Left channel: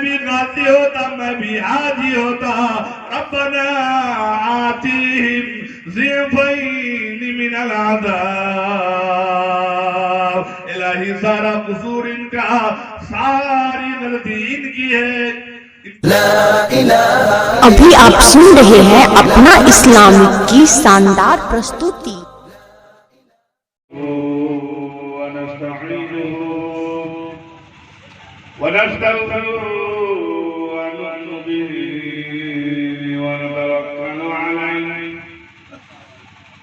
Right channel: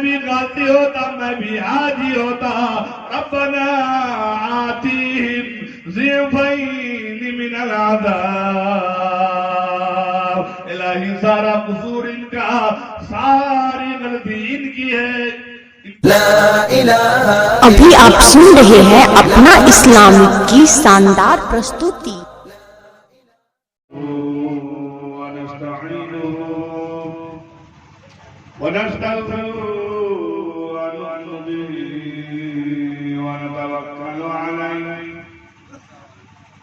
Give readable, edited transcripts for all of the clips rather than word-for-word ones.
भी गाती होता, मैं भी हाजी होता। रब्बना आतिहिम ज़िफ़ैन मिनल अज़ाब। इलाही सारा कसूर इनका, सारी गलती इनकी है। अभी आप सुन रहे हैं अपना इस्लामिक की शानदार प्रस्तुति।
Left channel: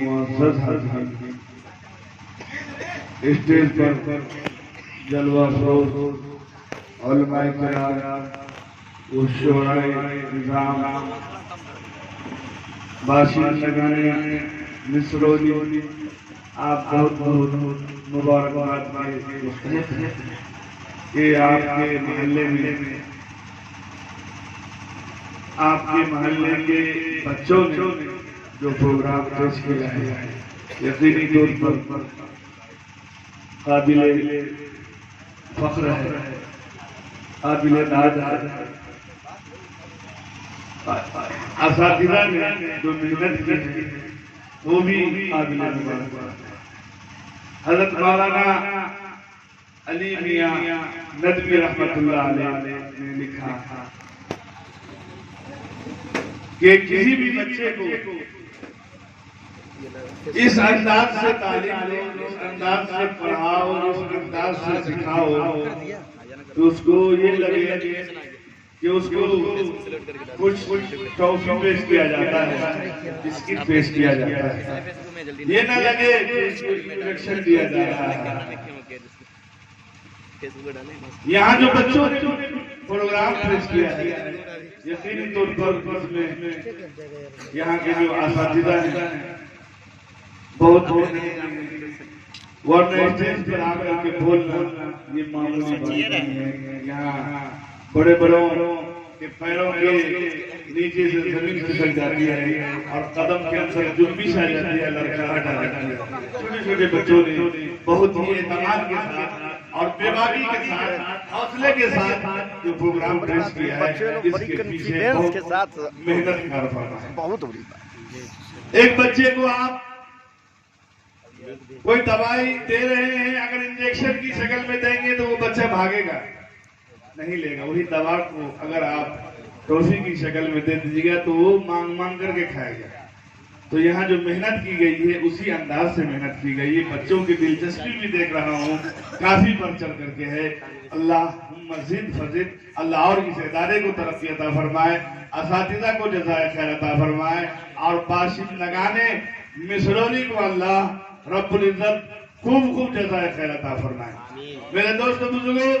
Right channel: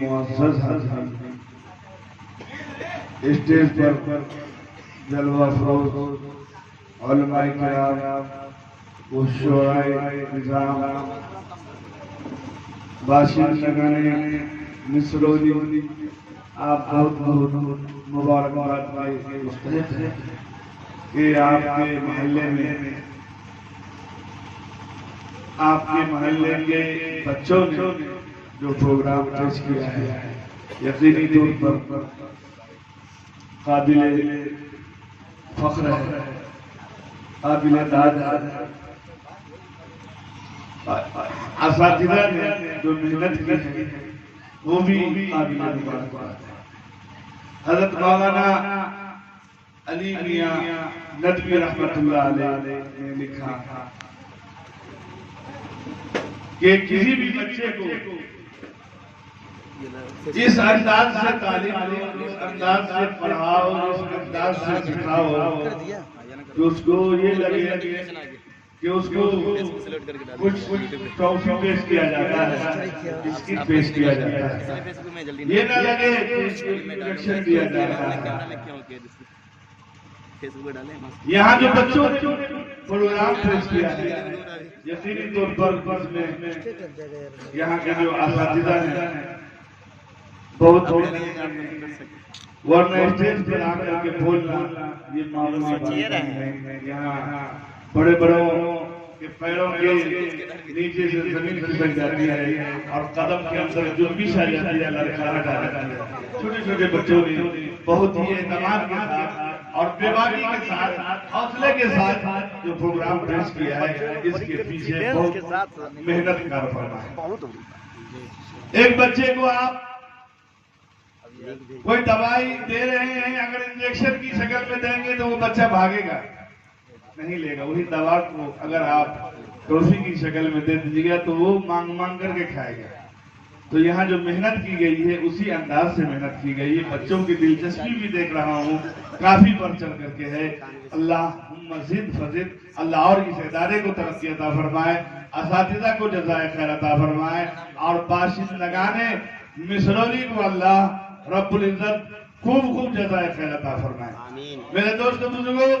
मुअज़्ज़ज़ हाज़िरीन, स्टेज पर जलवा फरोज़ उलमाए किराम, शुराए निज़ाम, बाशिंदगाने मिसरोली, आप बहुत बहुत मुबारकबाद कि आपके महल्ले के बच्चों ने जो प्रोग्राम पेश किया है, यकीनी तौर पर काबिल फख्र है, काबिल दाद है। असातिज़ा ने जो मेहनत की है वो भी काबिल मुबारक है। हज़रत मौलाना अली मियां नदवी रहमतुल्लाह अलैह ने लिखा कि किसी भी बच्चे को इस अंदाज से तालीम दो, इस अंदाज से पढ़ाओ, इस अंदाज से सिखाओ तो उसको ये लगे कि उसको कुछ ट्रॉफी पेश किया जाता है, बिस्किट पेश किया जाता है, ये ना लगे कि इंजेक्शन दिया जा रहा है। यहाँ जो बच्चों ने प्रोग्राम पेश किया है, यकीनी तौर पर यहाँ के जो असातिज़ा हैं बहुत वरना स्टेज पर आकर के बोलना ये मामूली बात नहीं है। यहाँ बड़े बड़ों के पैरों के नीचे से जमीन खिसक जाती है और कदम के अंदर जुम्बिश आ जाती है, लड़खड़ाहट आ जाती है। छोटे छोटे बच्चों ने बहुत ही एतमाद के साथ और बेबाकी के साथ हौसले के साथ जो प्रोग्राम पेश किया है, इसके पीछे बहुत मेहनत कर पड़ा है। बहुत एक बच्चे को आप कोई दवाई दे रहे हैं, अगर इंजेक्शन की शक्ल में देंगे तो वो बच्चा भागेगा, नहीं लेगा। वही दवा को अगर आप टॉफी की शक्ल में दे दीजिएगा तो वो मांग मांग करके खाएगा। तो यहाँ जो मेहनत की गई है उसी अंदाज से मेहनत की गई है। बच्चों की दिलचस्पी भी देख रहा हूँ, काफी बढ़ चढ़ करके है। अल्लाह मजीद फजीद अल्लाह और इस इदारे को तरक्की अता फरमाए, असातिज़ा को जज़ाए खैर अता फरमाए, और बाशिंद लगाने मिसरौली को अल्लाह रब्बुल इज्जत खूब खूब जज़ाए खैर अता फरमाए। मेरे दोस्तों बुजुर्गों,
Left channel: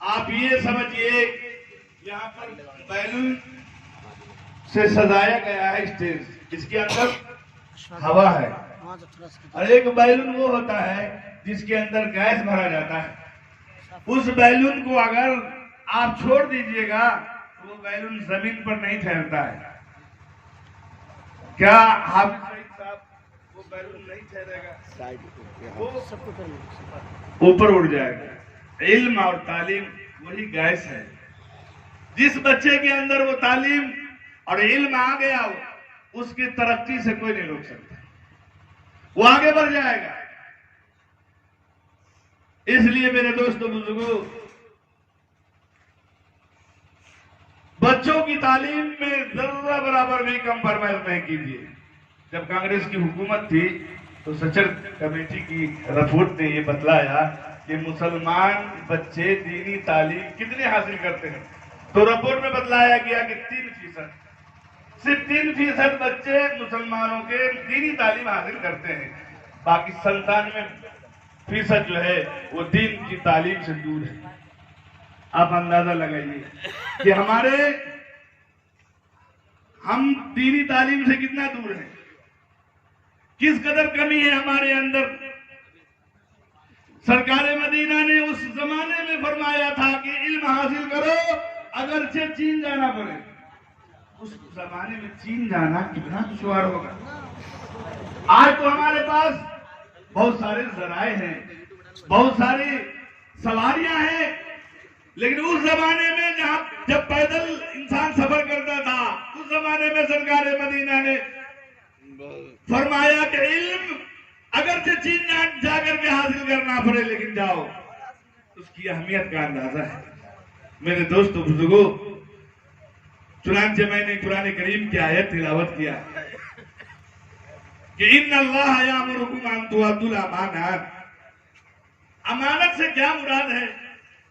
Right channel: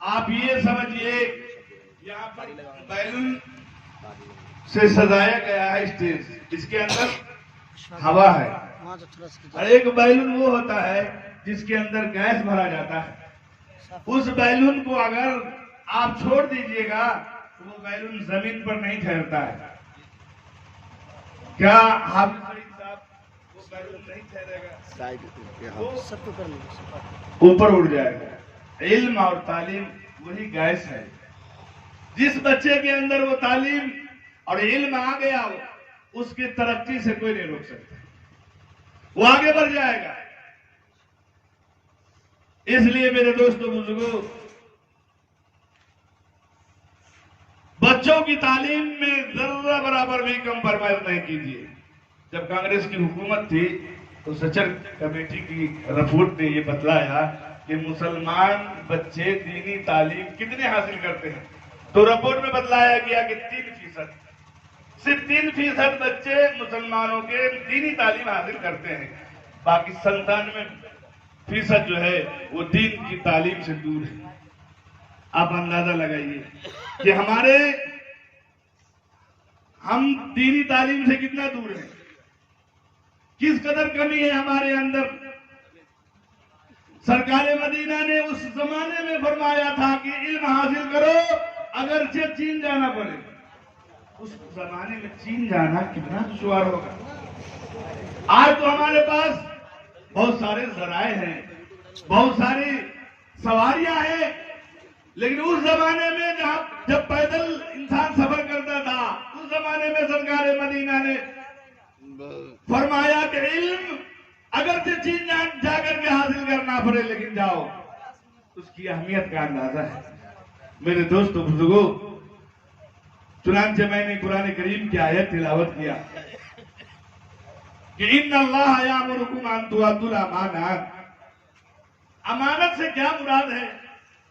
आप ये समझिए, यहाँ पर बैलून से सजाया गया है स्टेज, इसके अंदर हवा है, और एक बैलून वो होता है जिसके अंदर गैस भरा जाता है। उस बैलून को अगर आप छोड़ दीजिएगा तो वो बैलून जमीन पर नहीं ठहरता है। क्या हाफिज सईद साहब, वो बैलून नहीं ठहरेगा, वो ऊपर उड़ जाएगा। इल्म और तालीम वही गैस है। जिस बच्चे के अंदर वो तालीम और इल्म आ गया, उसकी तरक्की से कोई नहीं रोक सकता, वो आगे बढ़ जाएगा। इसलिए मेरे दोस्तों बुजुर्गों, बच्चों की तालीम में जर्रा बराबर भी कंप्रोमाइज नहीं कीजिए। जब कांग्रेस की हुकूमत थी तो सचर कमेटी की रिपोर्ट ने ये बतलाया कि मुसलमान बच्चे दीनी तालीम कितने हासिल करते हैं, तो रिपोर्ट में बतलाया गया कि 3%, सिर्फ 3% बच्चे मुसलमानों के दीनी तालीम हासिल करते हैं, बाकी 97% जो है वो दीन की तालीम से दूर है। आप अंदाजा लगाइए कि हम दीनी तालीम से कितना दूर हैं, किस कदर कमी है हमारे अंदर। सरकार मदीना ने उस जमाने में फरमाया था कि इल्म हासिल करो अगरचे चीन जाना पड़े। उस जमाने में चीन जाना कितना दुश्वार होगा। आज तो हमारे पास बहुत सारे जराए हैं, बहुत सारी सवारियां हैं, लेकिन उस जमाने में जब पैदल इंसान सफर करता था, उस जमाने में सरकार मदीना ने फरमाया कि इल्म अगर से चीन जाकर के हासिल करना पड़े, लेकिन जाओ। उसकी अहमियत का अंदाजा है। मेरे दोस्तों बुजुर्गों, चुनांचे मैंने कुरान करीम की आयत तिलावत किया कि इन्नल्लाह यामुरुकुम अन तुअद्दुल अमानात। अमानत से क्या मुराद है?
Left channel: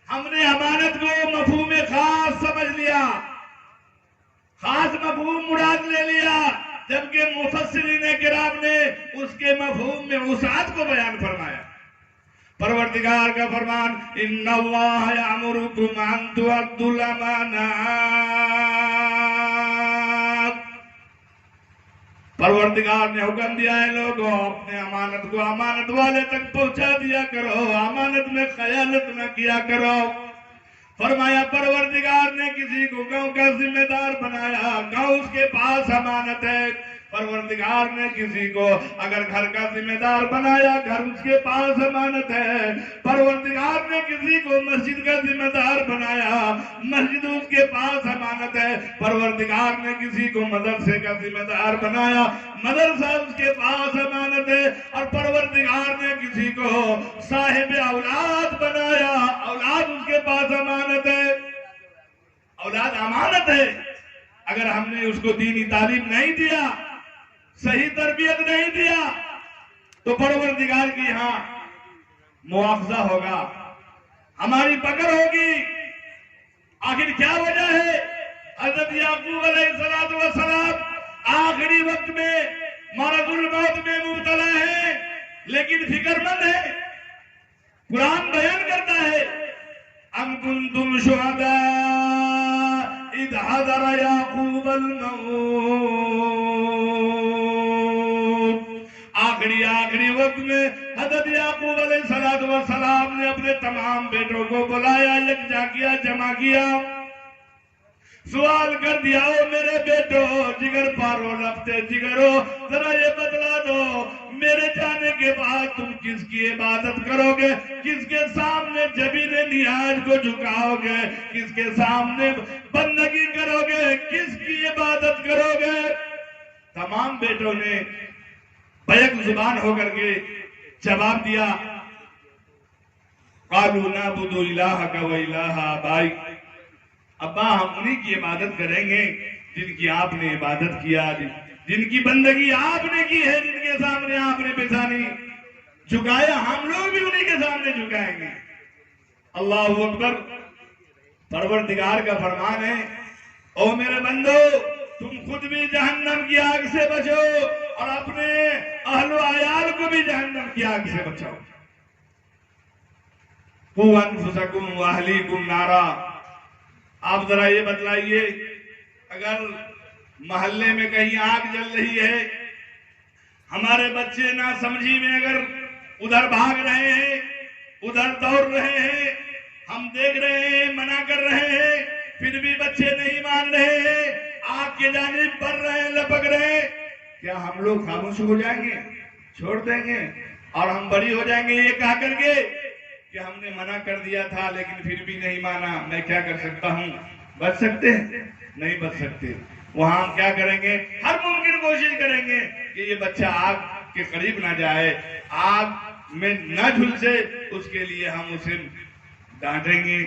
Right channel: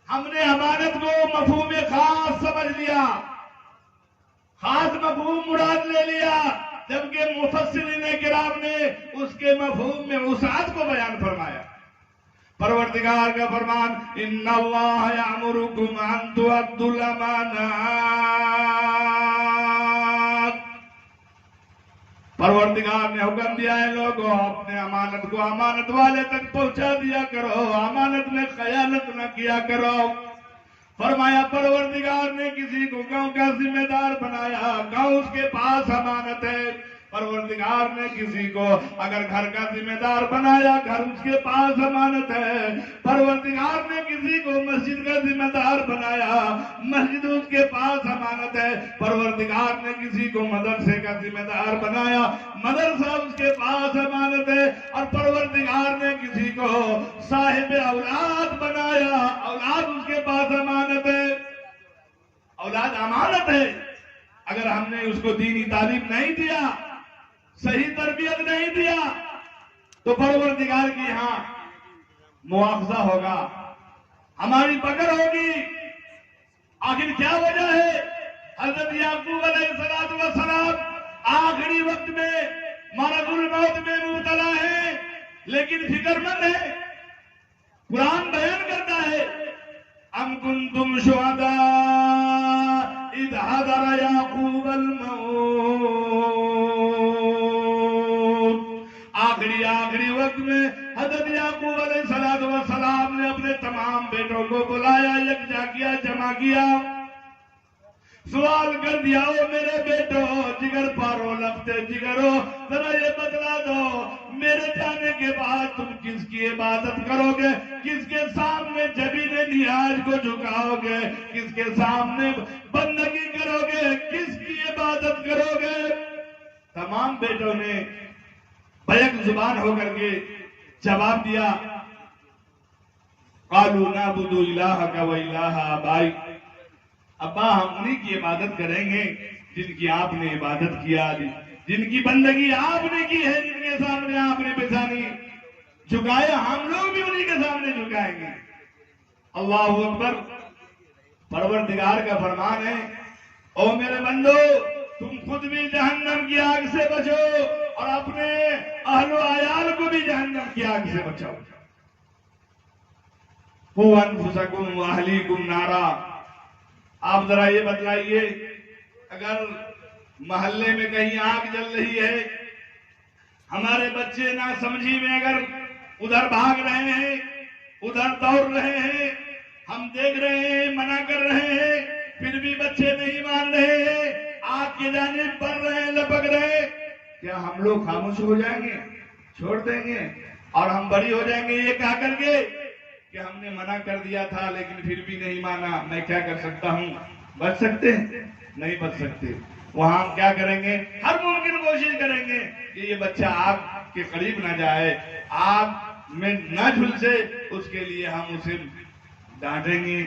हमने अमानत को मफहूम खास समझ लिया, खास मफहूम मुराद ले लिया, जबकि मुफस्सिरीन किराम ने उसके मफहूम में वुसाअत को बयान फरमाया। परवरदिगार का फरमान, इन्नल्लाह यामुरुकुम अन तुअद्दुल अमानात। परवरदिगार ने हुक्म दिया है, लोगों अपने अमानत को अमानत वाले तक पहुंचा दिया करो, अमानत में खयानत न किया करो। फरमाया परवरदिगार ने किसी को गांव का जिम्मेदार बनाया, गांव उसके पास अमानत है। परवरदिगार ने किसी को अगर घर का जिम्मेदार बनाया, घर उसके पास अमानत है। परवरदिगार ने किसी को मस्जिद का जिम्मेदार बनाया, मस्जिद उसके पास अमानत है। परवरदिगार ने किसी को मदरसे का जिम्मेदार बनाया, मदरसा उसके पास अमानत है। और परवरदिगार ने किसी को साहिब औलाद बनाया, औलाद उसके पास अमानत है। औलाद अमानत है। अगर हमने उसको दीनी तालीम नहीं दिया, सही तरबियत नहीं दिया, तो परवरदिगार की यहाँ मुआवजा होगा, हमारी पकड़ होगी। आखिर क्या वजह है? हजरत याकूब अलैहिस्सलातु वस्सलाम आखिरी वक्त में मरदुल मौत में मुब्तला है, लेकिन फिक्रमंद है। कुरान बयान करता है, अम कुंतुम शुहदा इद हदर याकूब अल मौत। आखिरी वक्त में हजरत याकूब अलैहिस्सलातु वस्सलाम ने अपने तमाम बेटों को बुलाया, यकजा किया, जमा किया, सवाल कर दिया, ओ मेरे बेटो, जिगर पारो लपते जिगरो, जरा ये बतला दो, मेरे जाने के बाद तुम किसकी इबादत करोगे, किसके सामने जबीन नियाज को झुकाओगे, किसके सामने बंदगी करोगे, किसकी इबादत करोगे। तमाम बेटों ने बैक जुबान होकर के जवाब दिया, कालू नाबुदु इलाहका व इलाहा आबाई, अब्बा हम उन्हीं की इबादत करेंगे जिनकी आपने इबादत किया, जिनकी बंदगी आपने की है, जिनके सामने आपने पेशानी झुकाया, हम लोग भी उन्हीं के सामने झुकाएंगे। अल्लाह अकबर। परवरदिगार का फरमान है, ओ मेरे बंदो तुम खुद भी जहन्नम की आग से बचो और अपने अहलो अयाल को भी जहन्नम की आग से बचाओ। कू अनफुसकुम व अहलीकुम नारा। आप जरा ये बतलाइए, अगर मोहल्ले में कहीं आग जल रही है, हमारे बच्चे ना समझी में अगर उधर भाग रहे हैं, उधर दौड़ रहे हैं, हम देख रहे हैं, मना कर रहे हैं, फिर भी बच्चे नहीं मान रहे हैं, आग के जानिब बढ़ रहे हैं, लपक रहे हैं, क्या हम लोग खामोश हो जाएंगे, छोड़ देंगे और हम बड़ी हो जाएंगे ये कह करके कि हमने मना कर दिया था लेकिन फिर भी नहीं माना, मैं क्या कर सकता हूँ। बच सकते हैं? नहीं बच सकते। वहां हम क्या करेंगे, हर मुमकिन कोशिश करेंगे कि ये बच्चा आग के करीब ना जाए, आग में न झुलसे, उसके लिए हम उसे डांटेंगे,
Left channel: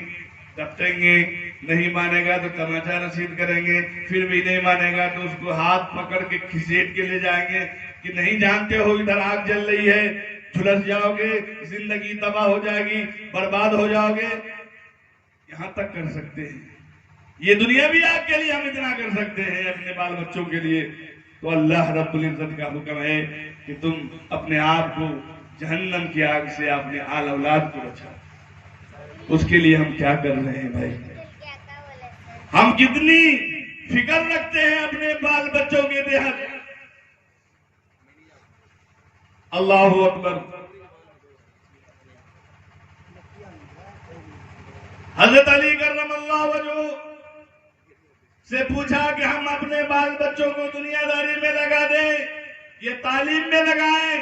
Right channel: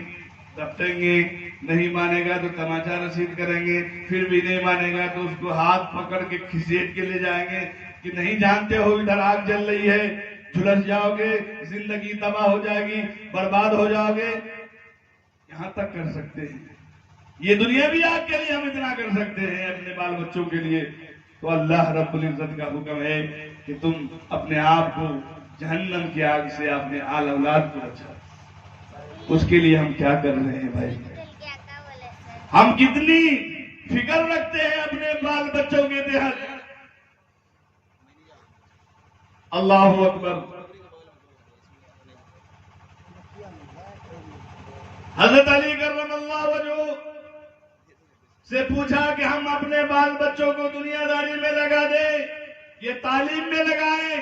दबटेंगे, नहीं मानेगा तो तमाचा रसीद करेंगे, फिर भी नहीं मानेगा तो उसको हाथ पकड़ के खिसेट के ले जाएंगे कि नहीं जानते हो इधर आग जल रही है, झुलस जाओगे, जिंदगी तबाह हो जाएगी, बर्बाद हो जाओगे। यहां तक कर सकते हैं। ये दुनिया भी आपके लिए हम इतना कर सकते हैं अपने बाल बच्चों के लिए। तो अल्लाह रब्बुल इज्जत का हुक्म है कि तुम अपने आप को जहन्नम की आग से अपने आल औलाद को बचाओ। उसके लिए हम क्या कर रहे हैं भाई? हम कितनी फिक्र रखते हैं अपने बाल बच्चों के बेहद। अल्लाह अकबर। हजरत अली करमल्लाहु वजहू से पूछा कि हम अपने बाल बच्चों को दुनियादारी में लगा दे, ये तालीम में लगाए,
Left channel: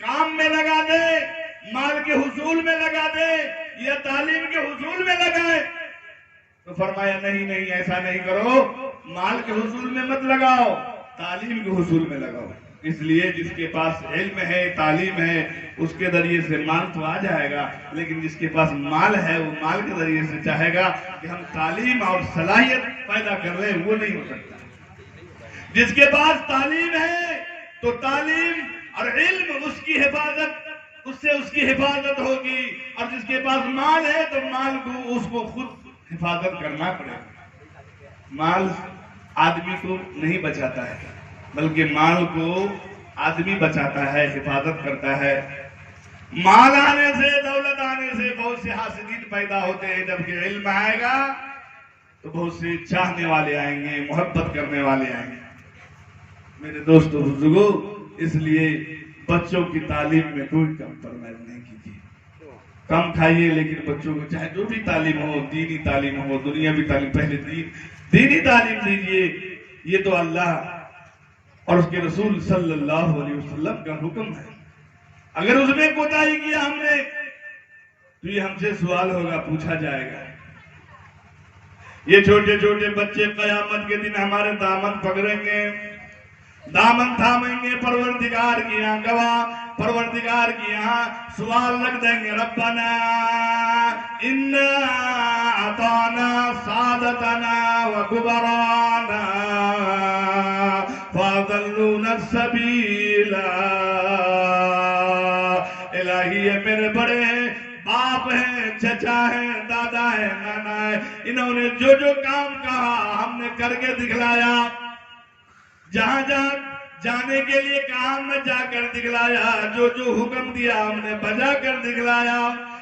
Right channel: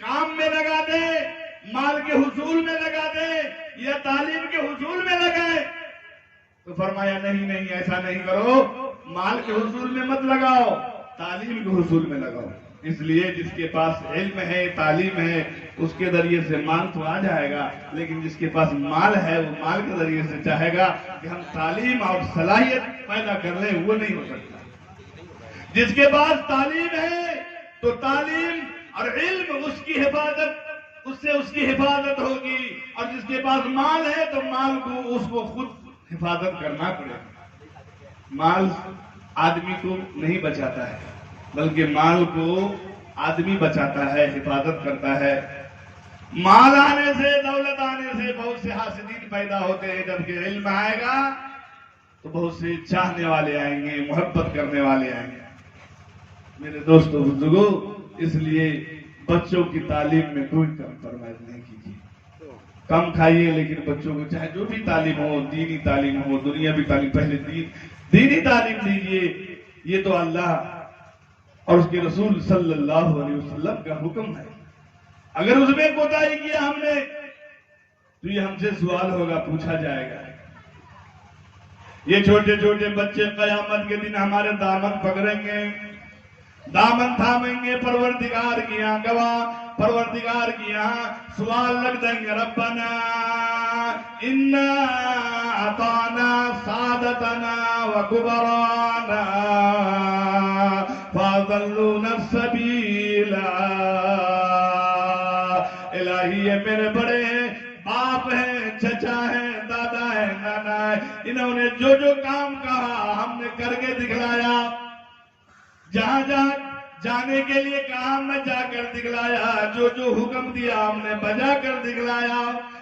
काम में लगा दे, माल के हुसूल में लगा दे, या तालीम के हुसूल में लगाए? तो फरमाया नहीं नहीं, ऐसा नहीं करो, माल के हुसूल में मत लगाओ, तालीम के हुसूल में लगाओ। इसलिए जिसके पास इल्म है, तालीम है, उसके जरिए से माल तो आ जाएगा, लेकिन जिसके पास माल है वो माल के जरिए से चाहेगा कि हम तालीम और सलाहियत पैदा कर लें, वो नहीं हो सकता। जिसके पास तालीम है तो तालीम और इल्म उसकी हिफाजत, उससे उसकी हिफाजत होगी, और जिसके पास माल है तो माल को उसको खुद हिफाजत करना पड़ेगा। माल आदमी को नहीं बचाता है, बल्कि माल को आदमी बचाता है, हिफाजत करता है। माल आने से, दौलत आने से बहुत से हासिदीन पैदा होते हैं, जबकि इल्म आएगा तो बहुत से चाहने वाले आएंगे, मोहब्बत करने वाले आएंगे। मेरे दोस्तों बुजुर्गों, इसलिए बच्चों की तालीम में कोई कम्प्रोमाइज नहीं कीजिए। कम खाइए, लेकिन बच्चों को चाहे जो भी तालीम हो, दीनी तालीम हो, दुनियावी तालीम, पहले दीनी तालीम दीजिए। ये तो अल्लाह और उसके रसूल सल्लल्लाहु अलैहि वसल्लम का हुक्म है। अगर उसमें कोताही किया हमने तो ये हमसे सवाल होगा, पूछा जाएगा। ये छोटे छोटे बच्चे कयामत के दिन हमारे दामन पकड़ेंगे, दामन थामेंगे, परवरदिगार की यहाँ गवाह, परवरदिगार की यहाँ सवाल रख देंगे, रब्बना इन्ना अताना सादतना व कुबराना फादल्लूना सबीला। इलाही ये मेरे बड़े हैं, बाप हैं, चचा हैं, दादा है, नाना है, इन्होंने जो जो काम कहा हमने करके दिखलाया, जहां जहां जाने के लिए कहा हमने जाकर दिखलाया, जो जो हुक्म दिया हमने बजा कर दिखलाया।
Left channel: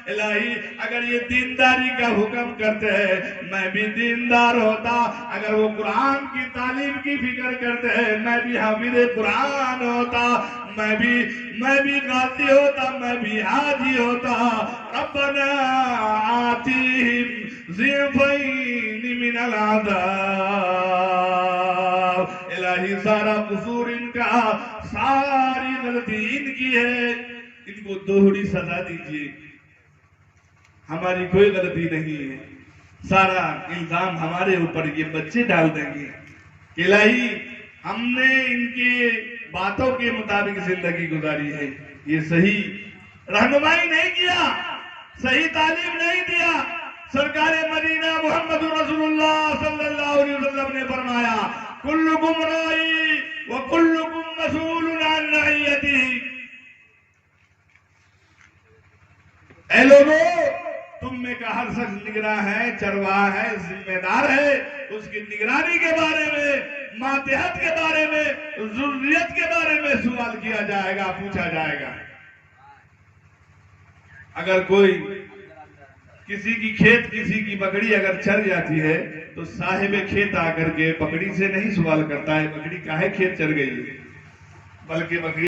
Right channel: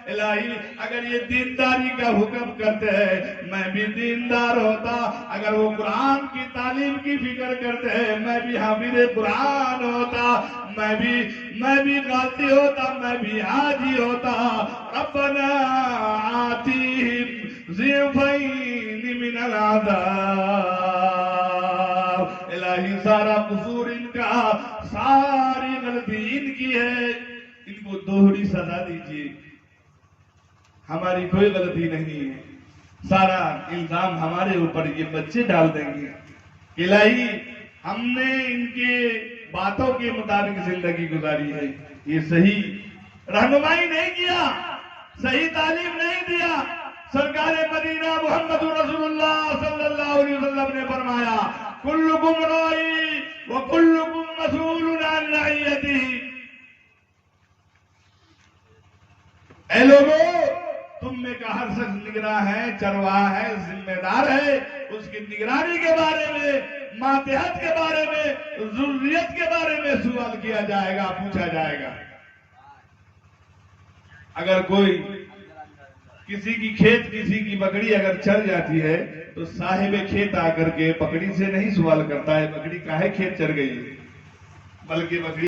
इलाही अगर ये दीनदारी का हुक्म करते हैं, मैं भी दीनदार होता। अगर वो कुरान की तालीम की फिक्र करते हैं, मैं भी हाफिज़ कुरान होता, मैं भी गाती होता, मैं भी हाजी होता। रब्बना आतिहिम ज़िफ़ैन मिनल अज़ाब। इलाही सारा कसूर इनका, सारी गलती इनकी है, इनको दोहरी सजा दीजिए। हमारी कोई गलती नहीं है, सारा इल्जाम हमारे ऊपर ये बच्चे डाल देंगे। इलाही हमने इनके बातों के मुताबिक जिंदगी गुजारी है, ये सही रहनुमाई नहीं किया, सही तालीम नहीं दिया। सरकार मदीना मोहम्मद रसूलुल्लाह सल्लल्लाहु अलैहि वसल्लम ने फरमाया, कुल्लुकुम राई व कुल्लुकुम मसऊलुन अन रइयतिही। ऐ लोगों, तुम में का हर शख्स निगरान है, चरवाहा है, जिम्मेदार है। उसकी निगरानी के बारे में, मातहत के बारे में, जुर्रियत के बारे में सवाल किया जाएगा, पूछा जाएगा। अगर कोई किसी की खेत, किसी की बकरी अगर चर जाती है तो साहिब खेत आकर के बकरी से नहीं सवाल करता है बकरी काहे खेत चर गई, बल्कि बकरी